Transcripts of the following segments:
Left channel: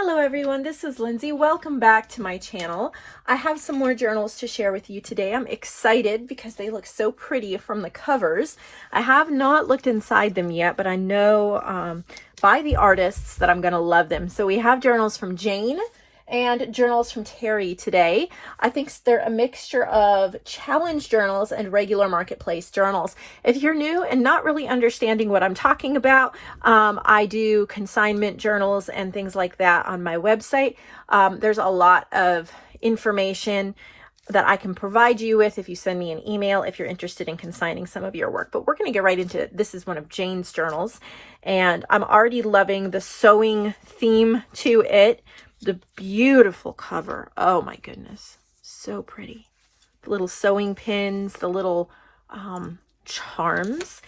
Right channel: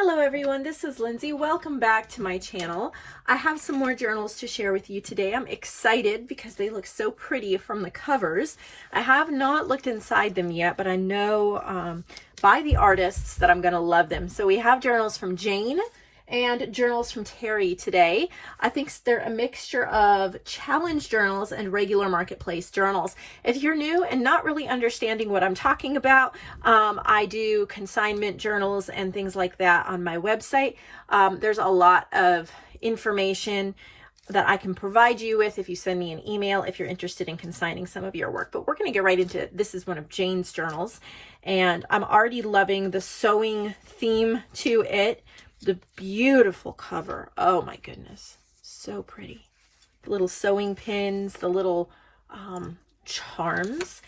Hello everyone, this is Lindsay. Welcome back to my channel. I have some more journals to share with you today. I'm excited because they look so pretty from the covers. I have not looked inside them yet, but I know by the artists that I'm gonna love them. So we have journals from JoAnn and journals from Terri today. I think they're a mixture of challenge journals and regular marketplace journals. If you're new and not really understanding what I'm talking about, I do consignment journals and things like that on my website. There's a lot of information that I can provide you with if you send me an email if you're interested in consigning some of your work. But we're going to get right into it. This is one of JoAnn's journals, and I'm already loving the sewing theme to it. The beautiful cover. Oh my goodness. So pretty. The little sewing pins, the little charms.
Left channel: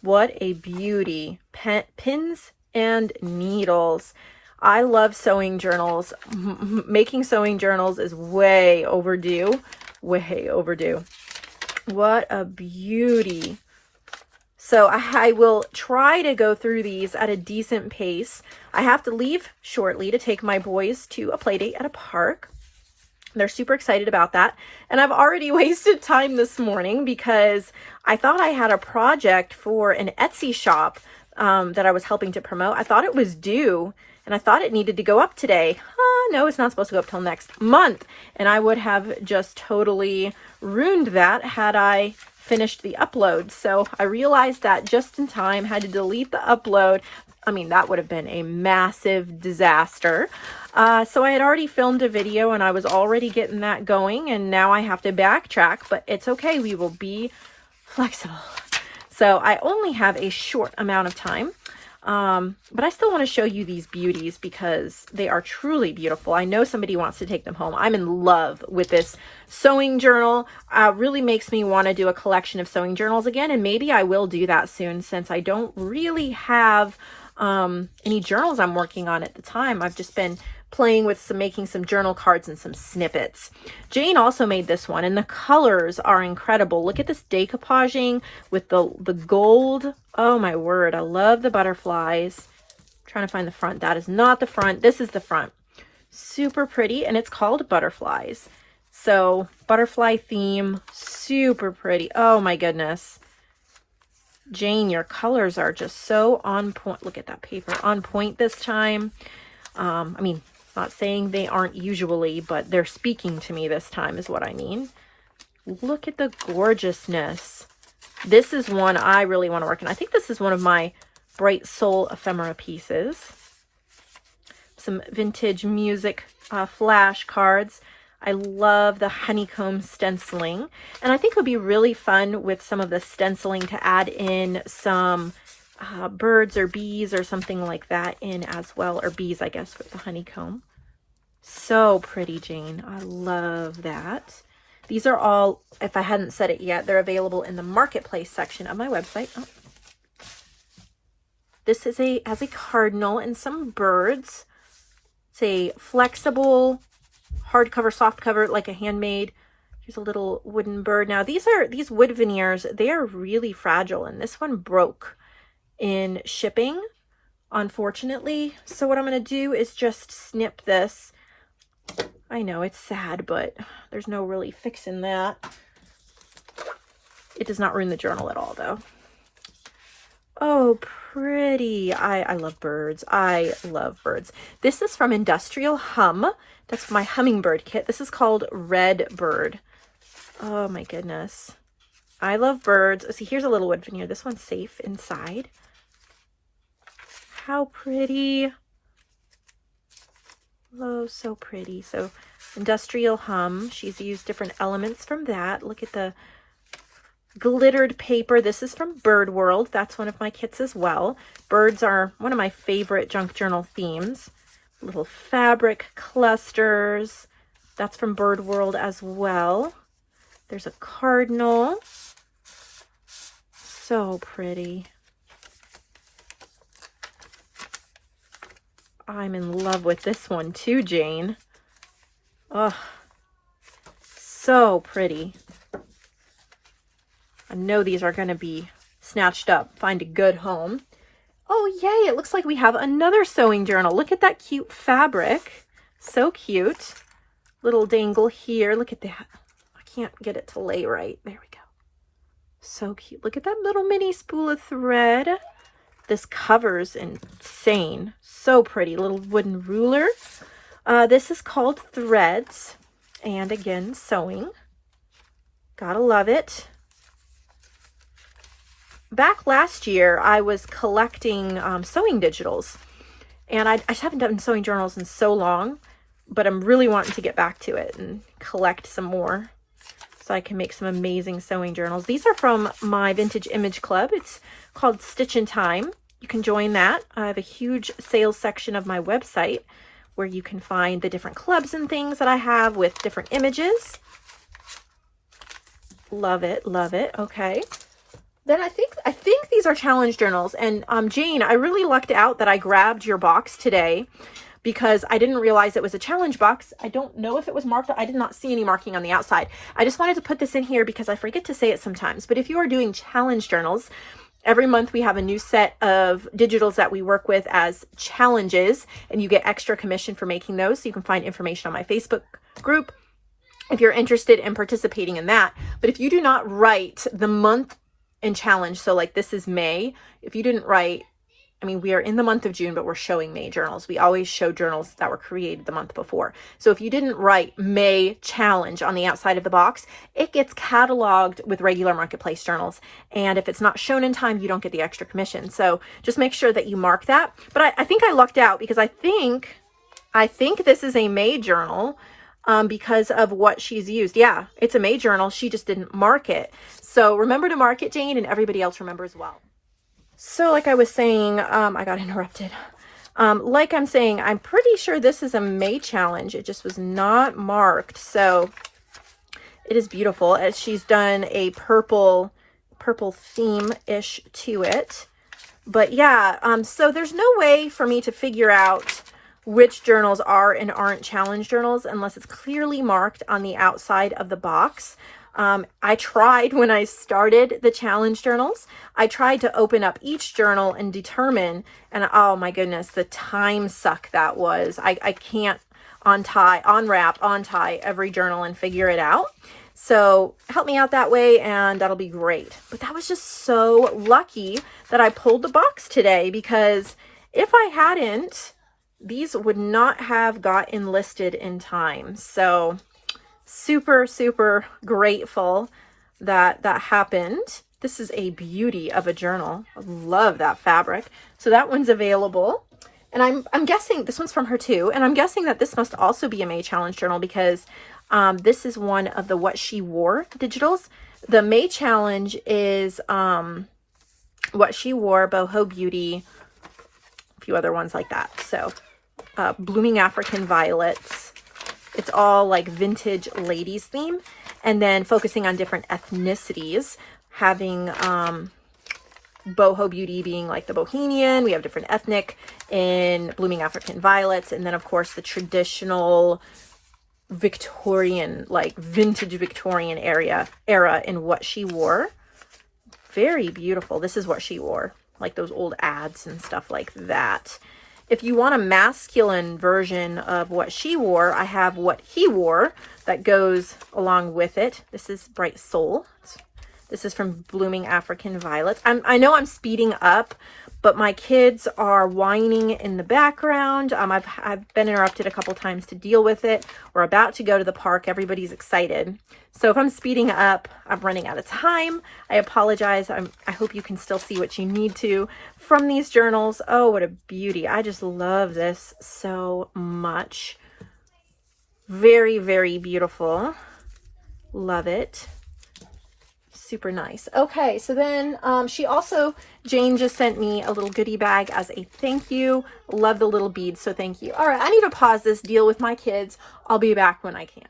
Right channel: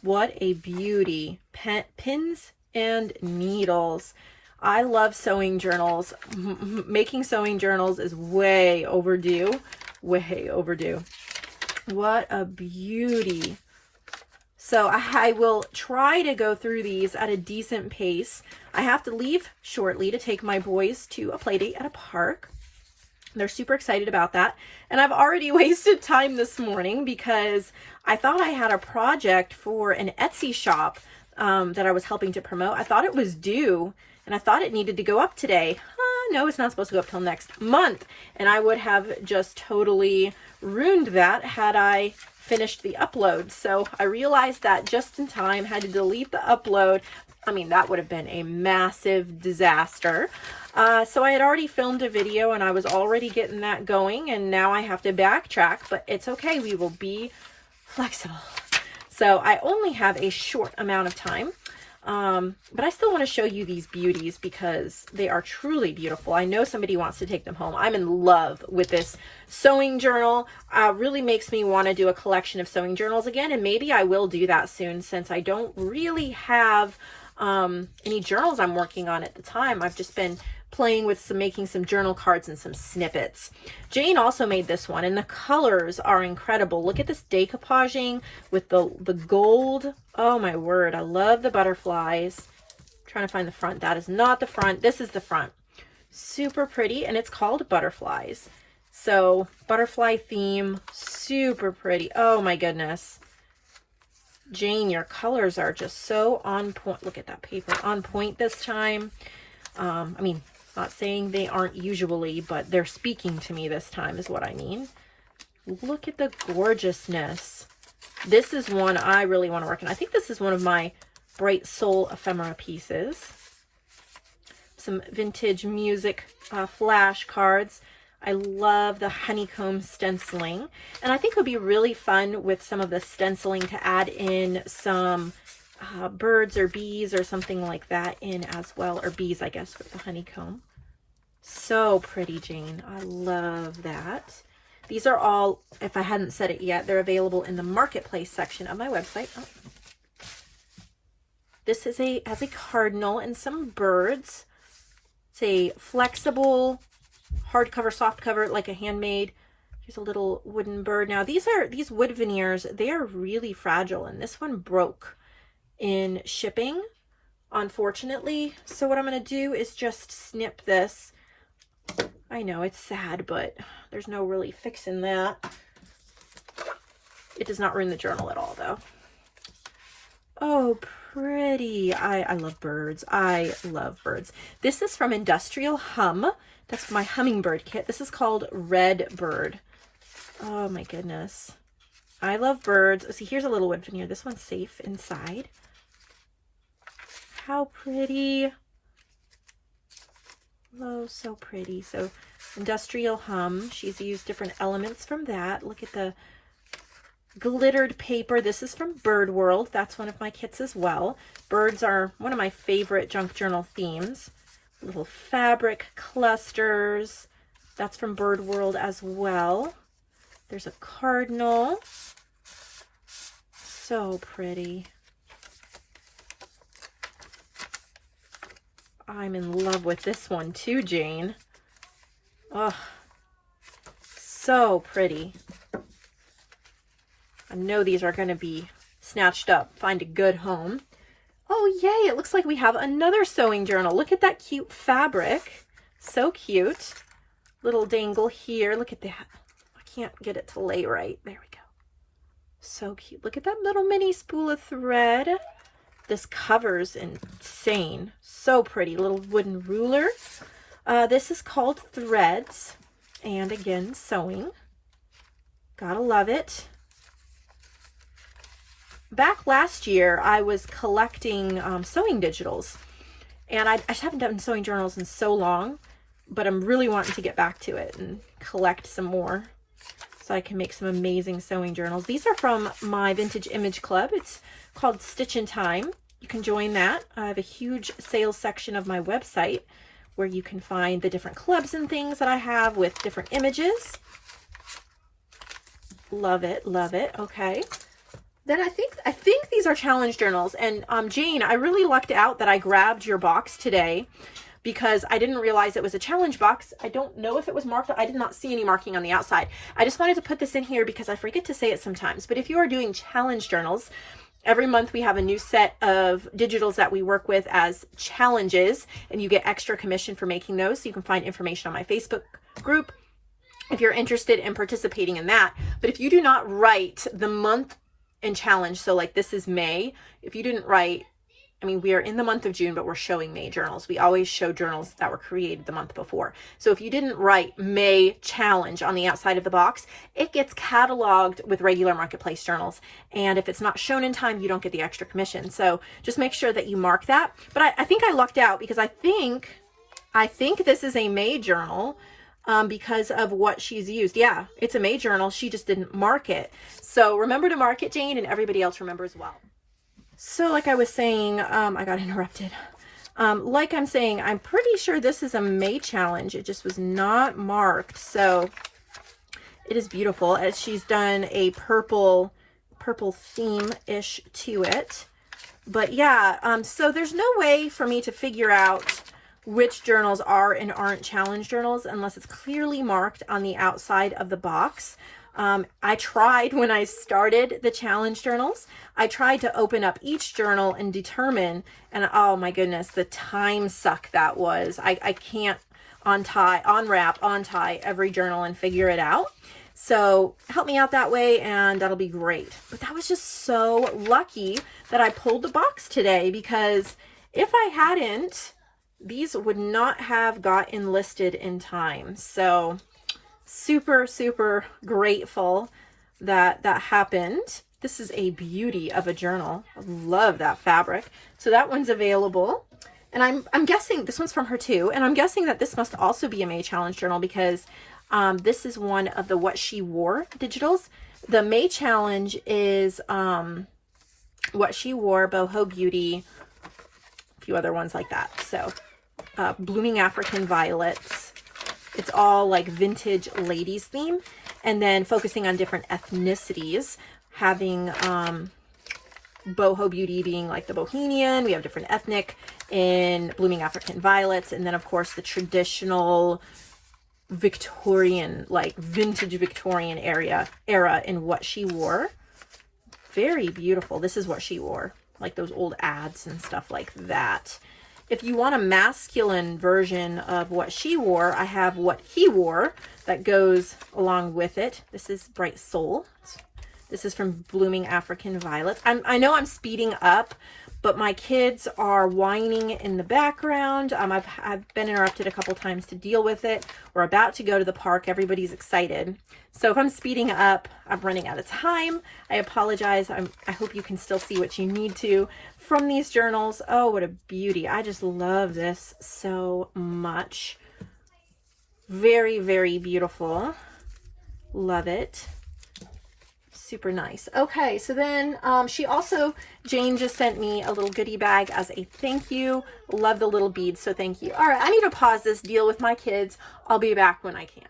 What a beauty. Pins and needles. I love sewing journals. Making sewing journals is way overdue. Way overdue. What a beauty. So I will try to go through these at a decent pace. I have to leave shortly to take my boys to a play date at a park. They're super excited about that. And I've already wasted time this morning because I thought I had a project for an Etsy shop that I was helping to promote. I thought it was due and I thought it needed to go up today. No, it's not supposed to go up till next month. And I would have just totally ruined that had I finished the upload. So I realized that just in time, had to delete the upload. I mean, that would have been a massive disaster. So I had already filmed a video and I was already getting that going, and now I have to backtrack, but it's okay. We will be flexible. So I only have a short amount of time, but I still want to show you these beauties because they are truly beautiful. I know somebody wants to take them home. I'm in love with this sewing journal. Really makes me want to do a collection of sewing journals again, and maybe I will do that soon since I don't really have any journals I'm working on at the time. I've just been playing with making some journal cards and some snippets. JoAnn also made this one, and the colors are incredible. Look at this decoupaging with the gold. Oh my word, I love the butterflies. I'm trying to find the front. That is not the front. This is the front. Super pretty, and it's called Butterflies. So butterfly theme, super pretty. Oh my goodness. JoAnn, your colors are just so on point. Look at that paper, on point this time. I mean, not saying they aren't usually, but they're speaking to me this time is what I mean. Look at the gorgeousness. This is one I really want to work on. I think this is one of my Bright Soul ephemera pieces. Some vintage music flash cards. I love the honeycomb stenciling, and I think it'll be really fun with some of the stenciling to add in some birds or bees or something like that in as well, or bees, I guess, with the honeycomb. So pretty, JoAnn. I love that. These are all, if I hadn't said it yet, they're available in the marketplace section of my website. Oh. This is has a cardinal and some birds. It's a flexible hardcover, soft cover, like a handmade. Here's a little wooden bird. Now these wood veneers, they are really fragile, and this one broke in shipping, unfortunately. So what I'm going to do is just snip this. I know it's sad, but there's no really fixing that. It does not ruin the journal at all, though. Oh, pretty. I love birds. I love birds. This is from Industrial Hum. That's my hummingbird kit. This is called Red Bird. Oh my goodness. I love birds. See, here's a little wood veneer. This one's safe inside. How pretty. Oh, so pretty. So Industrial Hum. She's used different elements from that. Look at the glittered paper. This is from Bird World. That's one of my kits as well. Birds are one of my favorite junk journal themes. Little fabric clusters. That's from Bird World as well. There's a cardinal. So pretty. I'm in love with this one too, JoAnn. Oh, so pretty. I know these are going to be snatched up. Find a good home. Oh, yay. It looks like we have another sewing journal. Look at that cute fabric. So cute. Little dangle here. Look at that. I can't get it to lay right. There we go. So cute. Look at that little mini spool of thread. This cover's insane. So pretty. Little wooden ruler. This is called Threads. And again, sewing. Gotta love it. Back last year, I was collecting sewing digitals, and I just haven't done sewing journals in so long, but I'm really wanting to get back to it and collect some more so I can make some amazing sewing journals. These are from my Vintage Image Club. It's called Stitch in Time. You can join that. I have a huge sales section of my website where you can find the different clubs and things that I have with different images. Love it, love it. Okay. Then I think these are challenge journals. And Jane, I really lucked out that I grabbed your box today because I didn't realize it was a challenge box. I don't know if it was marked. I did not see any marking on the outside. I just wanted to put this in here because I forget to say it sometimes. But if you are doing challenge journals, every month we have a new set of digitals that we work with as challenges, and you get extra commission for making those. So you can find information on my Facebook group if you're interested in participating in that. But if you do not write the month and challenge, so like this is May, if you didn't write, I mean, we are in the month of June, but we're showing May journals. We always show journals that were created the month before. So if you didn't write May challenge on the outside of the box, it gets cataloged with regular marketplace journals. And if it's not shown in time, you don't get the extra commission. So just make sure that you mark that. But I think I lucked out because I think this is a May journal. Because of what she's used. Yeah, it's a May journal. She just didn't mark it. So remember to mark it, Jane, and everybody else remember as well. So like I was saying, I got interrupted. Like I'm saying, I'm pretty sure this is a May challenge. It just was not marked. So it is beautiful. As she's done a purple theme-ish to it. But yeah, so there's no way for me to figure out which journals are and aren't challenge journals unless it's clearly marked on the outside of the box. I tried when I started the challenge journals, I tried to open up each journal and determine, and oh my goodness, the time suck that was. I can't unwrap, untie every journal and figure it out. So help me out that way and that'll be great. But that was just so lucky that I pulled the box today, because if I hadn't, these would not have got enlisted in time. So super, super grateful that that happened. This is a beauty of a journal. I love that fabric. So that one's available. And I'm guessing this one's from her too. And I'm guessing that this must also be a May challenge journal because this is one of the What She Wore digitals. The May challenge is What She Wore, Boho Beauty, a few other ones like that. So Blooming African Violets. It's all like vintage ladies theme, and then focusing on different ethnicities, having boho beauty being like the bohemian. We have different ethnic in Blooming African Violets, and then of course the traditional Victorian, like vintage Victorian era in What She Wore. Very beautiful. This is What She Wore, like those old ads and stuff like that. If you want a masculine version of What She Wore, I have What He Wore that goes along with it. This is Bright Soul. This is from Blooming African Violets. I know I'm speeding up, but my kids are whining in the background. I've been interrupted a couple times to deal with it. We're about to go to the park. Everybody's excited. So if I'm speeding up, I'm running out of time. I apologize. I hope you can still see what you need to from these journals. Oh, what a beauty. I just love this so much. Very, very beautiful. Love it. Super nice. Okay, so then Jane just sent me a little goodie bag as a thank you. Love the little beads, so thank you. All right, I need to pause this, deal with my kids. I'll be back when I can.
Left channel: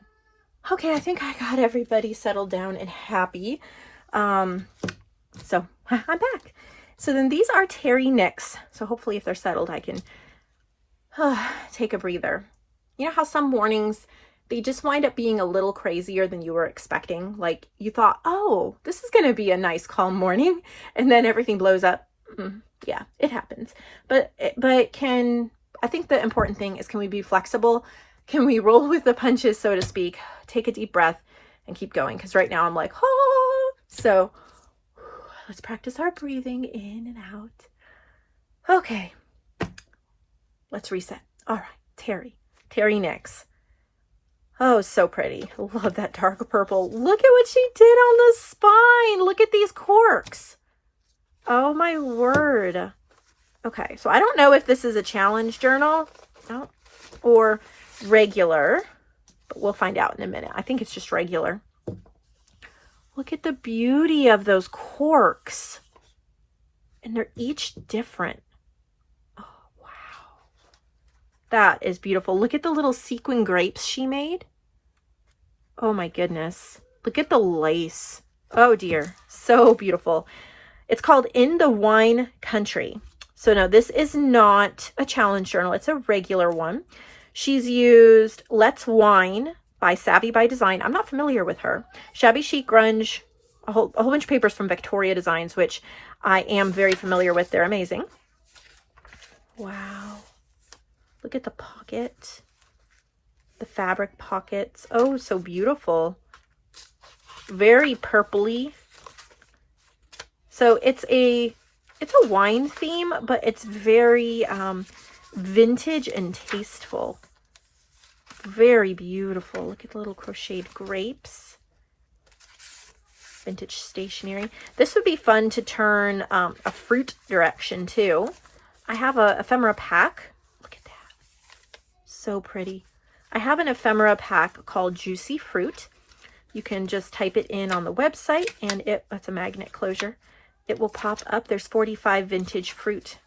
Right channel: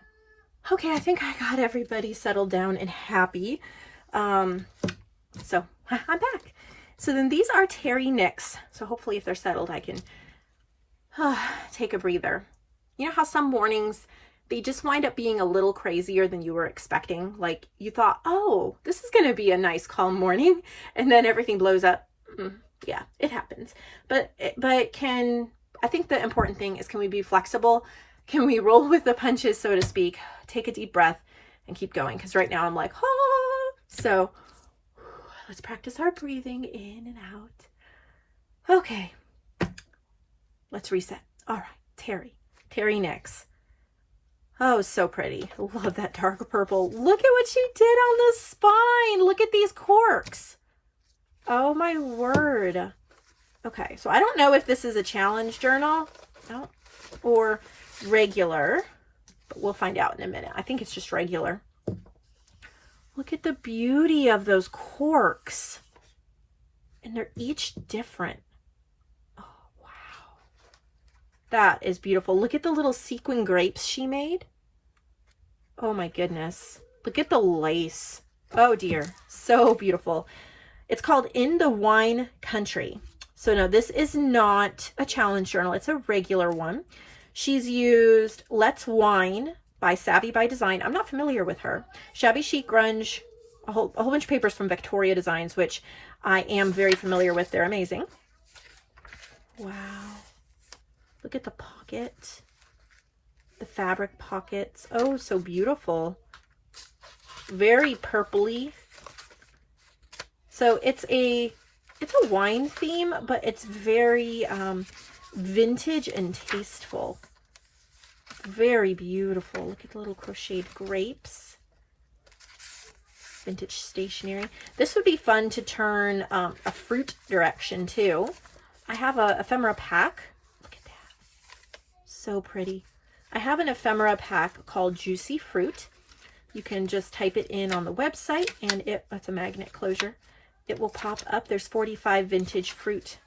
Okay, I think I got everybody settled down and happy. So I'm back. So then these are Terri knits. So hopefully if they're settled, I can take a breather. You know how some mornings they just wind up being a little crazier than you were expecting? Like you thought, oh, this is going to be a nice calm morning. And then everything blows up. Yeah, it happens. But I think the important thing is, can we be flexible? Can we roll with the punches, so to speak? Take a deep breath and keep going. Because right now I'm like, ah. So let's practice our breathing in and out. Okay. Let's reset. All right, Terri. Terri next. Oh, so pretty. I love that dark purple. Look at what she did on the spine. Look at these corks. Oh my word. Okay, so I don't know if this is a challenge journal or regular, but we'll find out in a minute. I think it's just regular. Look at the beauty of those corks. And they're each different. Oh, wow. That is beautiful. Look at the little sequin grapes she made. Oh my goodness. Look at the lace. Oh dear. So beautiful. It's called In the Wine Country. So no, this is not a challenge journal. It's a regular one. She's used Let's Wine by Savvy by Design. I'm not familiar with her. Shabby Chic Grunge, a whole bunch of papers from Victoria Designs, which I am very familiar with. They're amazing. Wow. Look at the pocket. The fabric pockets. Oh, so beautiful. Very purpley. So it's a wine theme, but it's very vintage and tasteful. Very beautiful. Look at the little crocheted grapes. Vintage stationery. This would be fun to turn a fruit direction too. I have a ephemera pack. Look at that. So pretty. I have an ephemera pack called Juicy Fruit. You can just type it in on the website and that's a magnet closure. It will pop up. There's 45 vintage fruit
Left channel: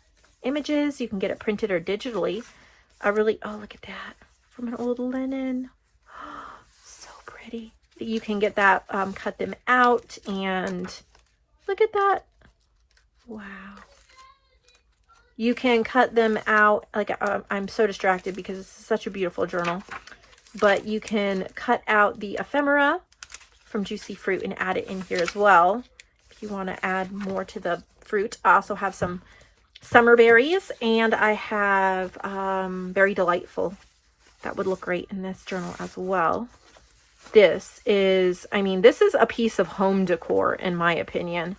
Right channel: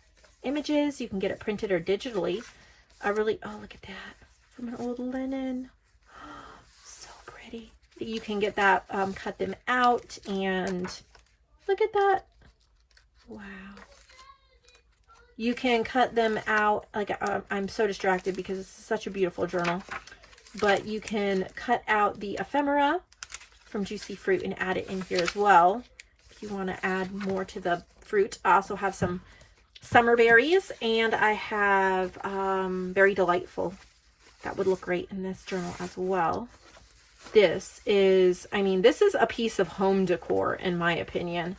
images. You can get it printed or digitally. Oh, look at that. From an old linen. Oh, so pretty. You can get that, cut them out, and look at that. Wow. You can cut them out. Like, I'm so distracted because it's such a beautiful journal. But you can cut out the ephemera from Juicy Fruit and add it in here as well. If you want to add more to the fruit. I also have some summer berries, and I have Very Delightful. That would look great in this journal as well. This is a piece of home decor, in my opinion.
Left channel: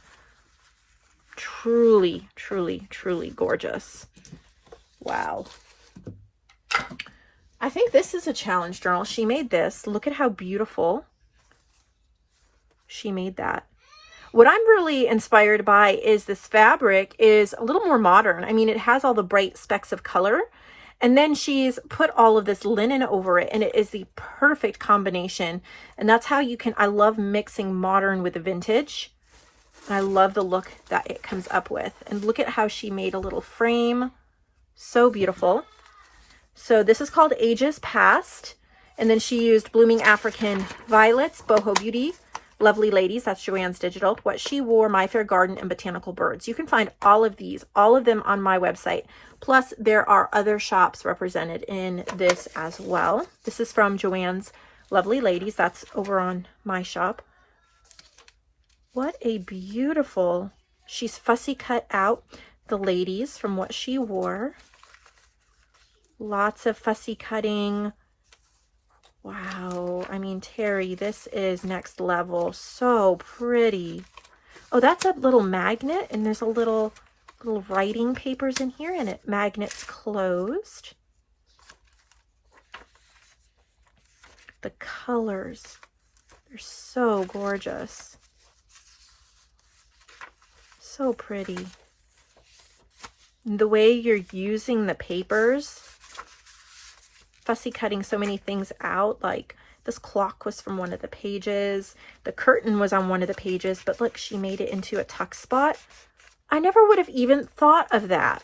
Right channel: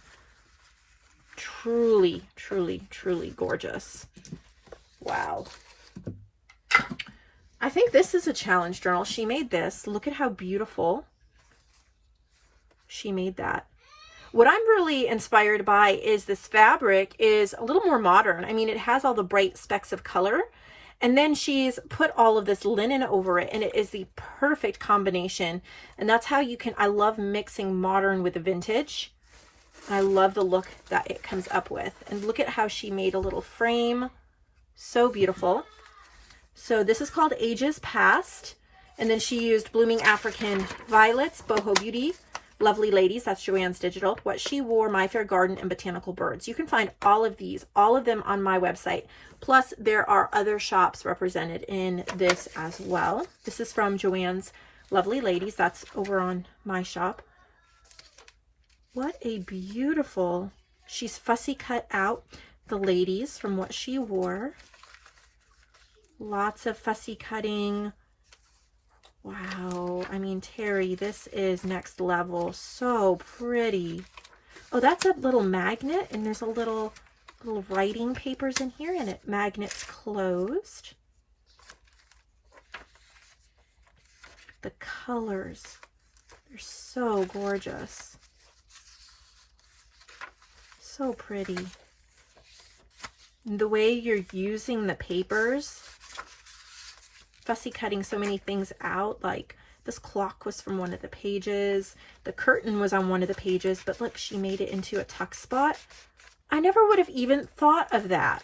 Truly, truly, truly gorgeous. Wow. I think this is a challenge journal. She made this. Look at how beautiful she made that. What I'm really inspired by is this fabric is a little more modern. I mean, it has all the bright specks of color, and then she's put all of this linen over it, and it is the perfect combination. And that's how you can, I love mixing modern with vintage. And I love the look that it comes up with. And look at how she made a little frame. So beautiful. So this is called Ages Past. And then she used Blooming African Violets, Boho Beauty, Lovely Ladies, that's JoAnn's Digital, What She Wore, My Fair Garden, and Botanical Birds. You can find all of these, all of them on my website. Plus, there are other shops represented in this as well. This is from JoAnn's Lovely Ladies. That's over on my shop. What a beautiful, she's fussy cut out the ladies from What She Wore. Lots of fussy cutting. Wow. I mean, Terri, this is next level. So pretty. Oh, that's a little magnet, and there's a little writing papers in here, and it magnets closed. The colors, they're so gorgeous. So pretty. The way you're using the papers, fussy cutting so many things out. Like this clock was from one of the pages. The curtain was on one of the pages, but look, she made it into a tuck spot. I never would have even thought of that.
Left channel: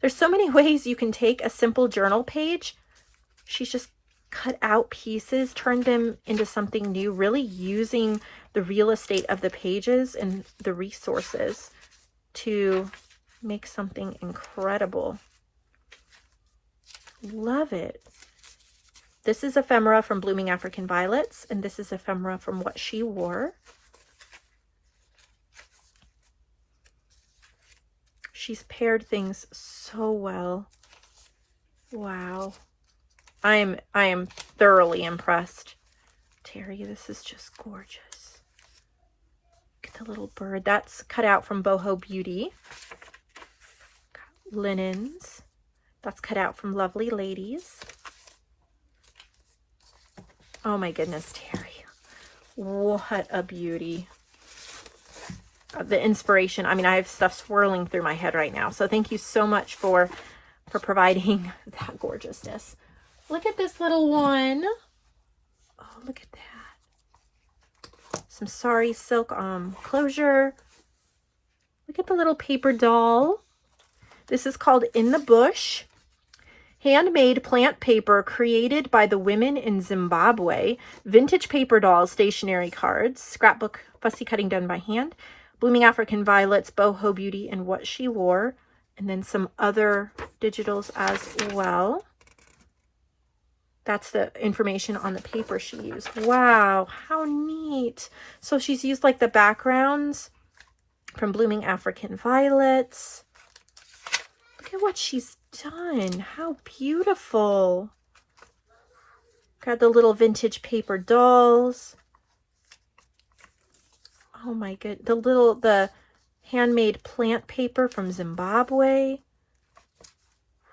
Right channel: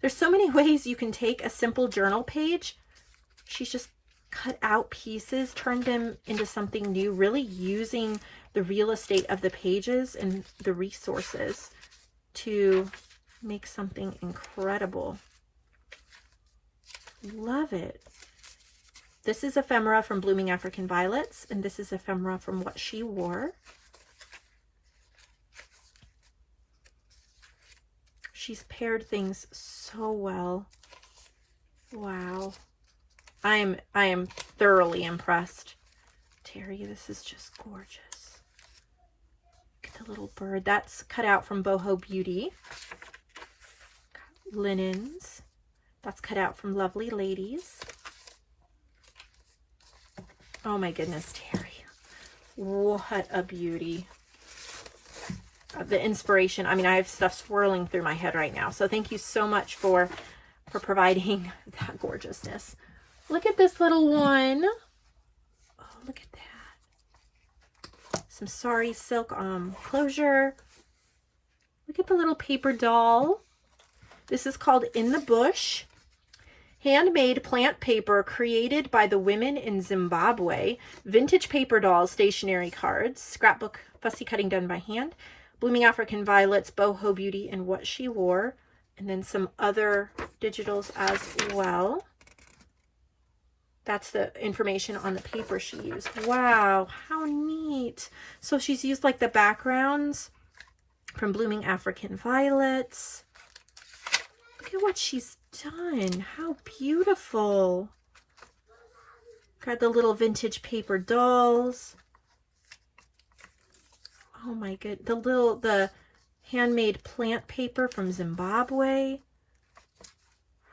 There's so many ways you can take a simple journal page. She's just cut out pieces, turned them into something new, really using the real estate of the pages and the resources to make something incredible. Love it. This is ephemera from Blooming African Violets, and this is ephemera from What She Wore. She's paired things so well. Wow. I am thoroughly impressed. Terri, this is just gorgeous. Look at the little bird. That's cut out from Boho Beauty. Got linens. That's cut out from Lovely Ladies. Oh my goodness, Terri. What a beauty. The inspiration. I mean, I have stuff swirling through my head right now. So thank you so much for providing that gorgeousness. Look at this little one. Oh, look at that. Some sari silk closure. Look at the little paper doll. This is called In the Bush. Handmade plant paper created by the women in Zimbabwe. Vintage paper dolls, stationery cards, scrapbook, fussy cutting done by hand, blooming African violets, boho beauty, and what she wore. And then some other digitals as well. That's the information on the paper she used. Wow, how neat. So she's used like the backgrounds from blooming African violets. Look at what she's done. How beautiful. Got the little vintage paper dolls. Oh my good. The handmade plant paper from Zimbabwe.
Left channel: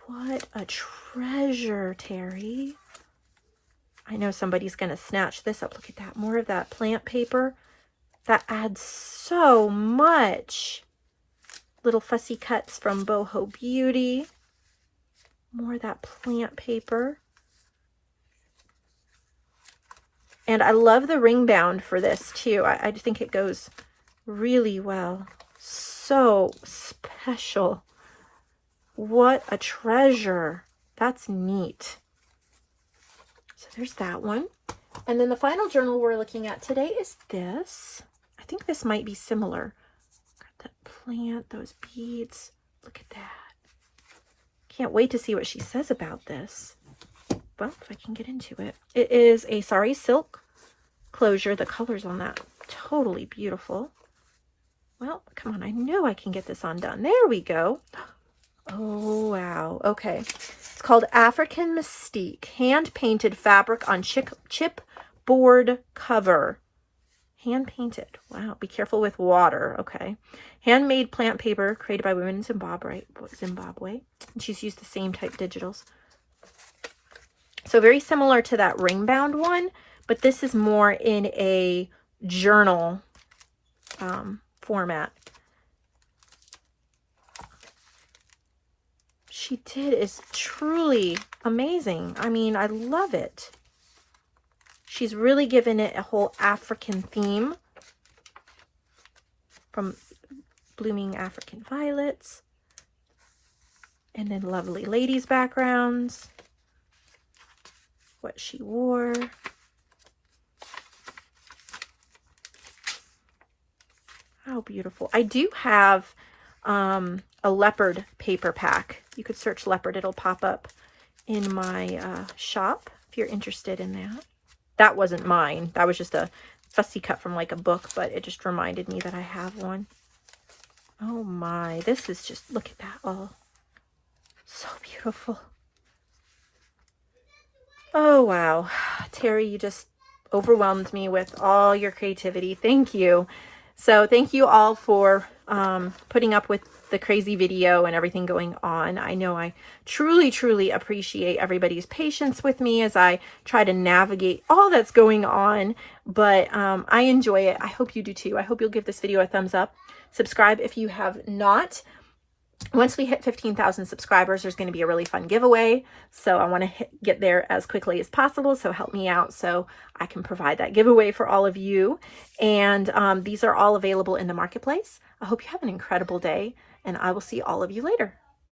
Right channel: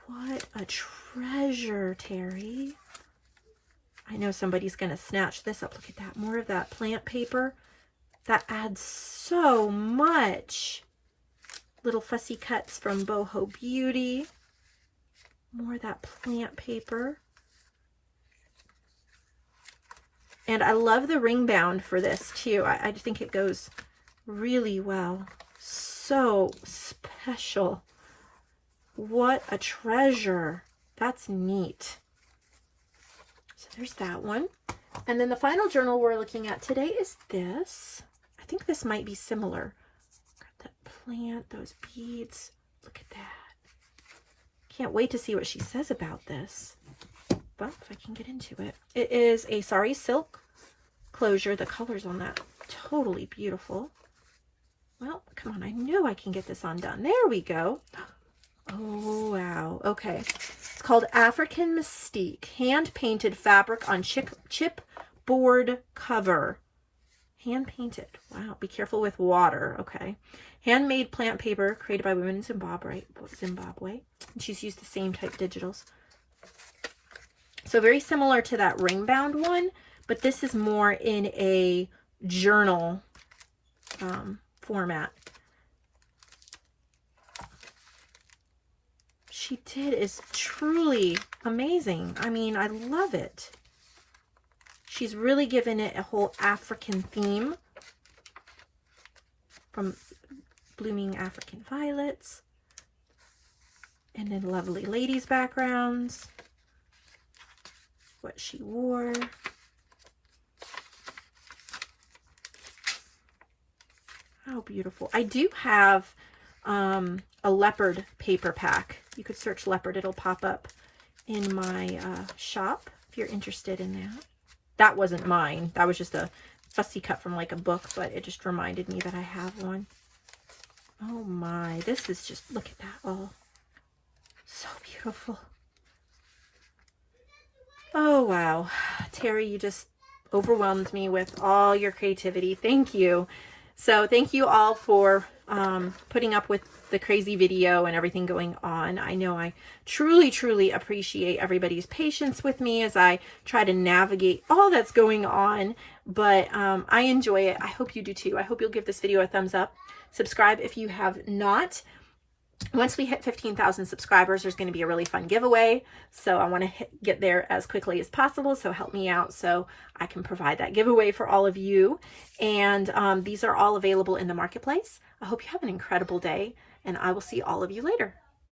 What a treasure, Terri. I know somebody's going to snatch this up. Look at that. More of that plant paper. That adds so much. Little fussy cuts from Boho Beauty. More of that plant paper. And I love the ring bound for this too. I think it goes really well. So special. What a treasure. That's neat. So there's that one. And then the final journal we're looking at today is this. I think this might be similar. Got that plant, those beads. Look at that. Can't wait to see what she says about this. Well, if I can get into it. It is a sari silk closure. The colors on that, totally beautiful. Well, come on. I know I can get this undone. There we go. Oh, wow. Okay. It's called African Mystique. Hand-painted fabric on chipboard cover. Hand-painted. Wow. Be careful with water. Okay. Handmade plant paper created by women in Zimbabwe. And she's used the same type digitals. So very similar to that ring bound one, but this is more in a journal format. She did is truly amazing. I mean, I love it. She's really given it a whole African theme from blooming African violets and then Lovely Ladies backgrounds. What she wore. How beautiful. I do have a leopard paper pack. You could search leopard. It'll pop up in my shop if you're interested in that. That wasn't mine. That was just a fussy cut from like a book, but it just reminded me that I have one. Oh my, this is just, look at that. Oh, so beautiful. Oh, wow. Terri, you just overwhelmed me with all your creativity. Thank you. So thank you all for putting up with the crazy video and everything going on. I know I truly, truly appreciate everybody's patience with me as I try to navigate all that's going on, but I enjoy it. I hope you do too. I hope you'll give this video a thumbs up. Subscribe if you have not. Once we hit 15,000 subscribers, there's going to be a really fun giveaway. So I want to get there as quickly as possible. So help me out so I can provide that giveaway for all of you. And these are all available in the marketplace. I hope you have an incredible day and I will see all of you later.